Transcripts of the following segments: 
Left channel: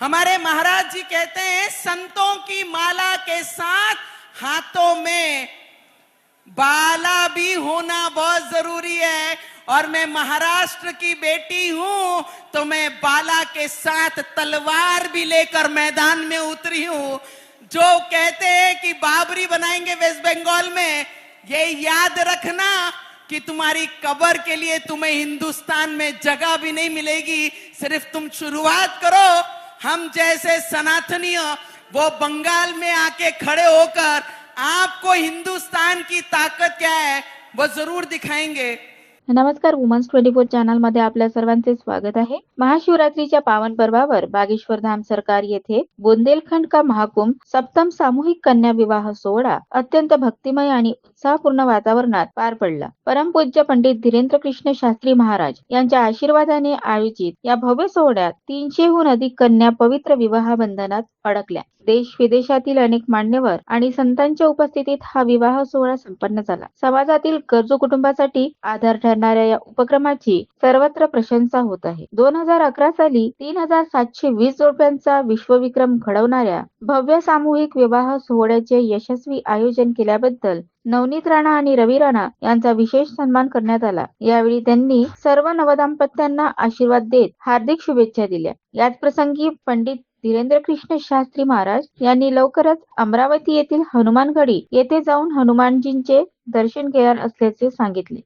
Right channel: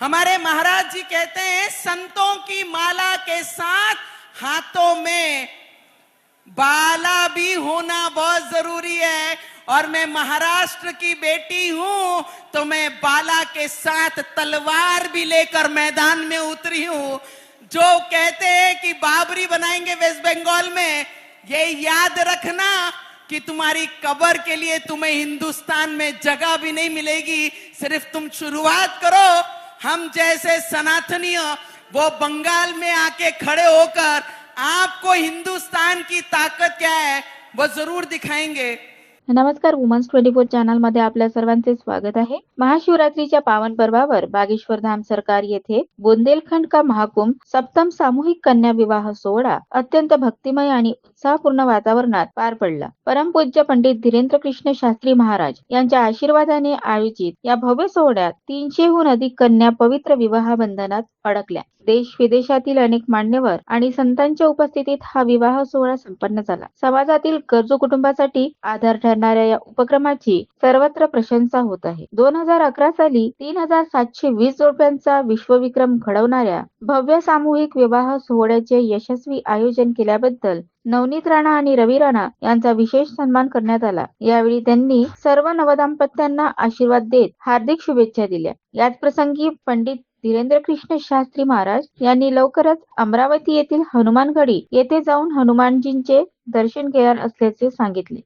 हमारे महाराज जी कहते हैं संतों की माला के साथ हाथों में बाला भी होना बहुत जरूरी है। और मैं महाराष्ट्र की बेटी हूं तो मैं बाला के साथ तलवार भी लेकर मैदान में उतरी हूं। जो कहते हैं कि बाबरी बनाएंगे वेस्ट बंगाल में, ये याद रखना कि तुम्हारी कब्र के लिए तुम्हें हिंदुस्तान में जगह भी नहीं मिलेगी। सिर्फ तुम शुरुआत करो, हम जैसे सनातनीय वो बंगाल में आके खड़े होकर आपको हिंदुस्तान की ताकत क्या है वो जरूर दिखाएंगे। नमस्कार, वुमन्स 24 चॅनल मध्ये आपल्या सर्वांचे स्वागत आहे। महाशिवरात्रीच्या पावन पर्वावर बागेश्वर धाम सरकार येथे बुंदेलखंड का महाकुंभ सप्तम सामूहिक कन्या विवाह सोहळा अत्यंत भक्तिमय आणि उत्साहपूर्ण वातावरणात पार पडला। परमपूज्य पंडित धीरेंद्र कृष्ण शास्त्री महाराज यांच्या आशीर्वादाने आयोजित या भव्य सोहळ्यात 300हून अधिक कन्या पवित्र विवाह बंधनात अडकल्या। देश विदेशातील अनेक मान्यवर आणि संतांच्या उपस्थितीत हा विवाह सोहळा संपन्न झाला। समाजातील गरजू कुटुंबासाठी आधार ठरणाऱ्या या उपक्रमाची सर्वत्र प्रशंसा होत आहे। 2011 साली 3720 जोडप्यांचा विश्वविक्रम घडवणाऱ्या भव्य सामूहिक विवाह सोहळ्याचे यशस्वी आयोजन केल्याबद्दल नवनीत राणा आणि रवी राणा यांचा विशेष सन्मान करण्यात आला। यावेळी त्यांनी सर्व नवदाम्पत्यांना आशीर्वाद देत हार्दिक शुभेच्छा दिल्या। याच प्रसंगी पंडित धीरेंद्र कृष्ण शास्त्री महाराज यांनी लवकरच अमरावती येथील हनुमानगडी येथे जाऊन हनुमानजींचे दर्शन घेणार असल्याचे सांगितले।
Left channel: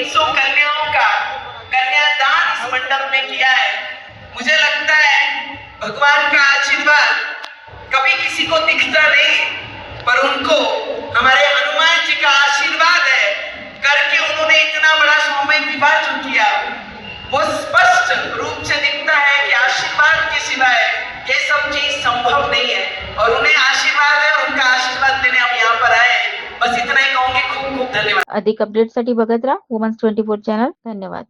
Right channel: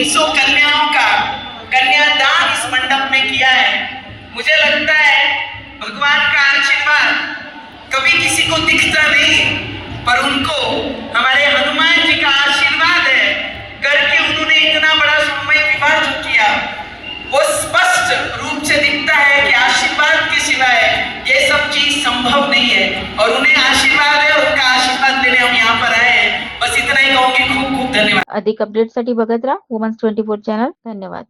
300 कन्याओं का कन्यादान इस मंडप में किया है। मुझे लगता है भगवान का आशीर्वाद कभी किसी को दिखता नहीं, पर उनको हमारे हनुमान जी का आशीर्वाद है करके उन्होंने इतना बड़ा सामूहिक विवाह जो किया, वो स्पष्ट रूप से दिखता है कि आशीर्वाद के सिवाय ये सब चीज संभव नहीं है। और उन्हें आशीर्वाद है, उनका आशीर्वाद लेने हम यहाँ पर आए हैं। बस इतना ही कहूंगी। खूब खूब धन्यवाद। अधिक अपडेटसाठी बघत राहा वुमन्स 24 चॅनल. धन्यवाद.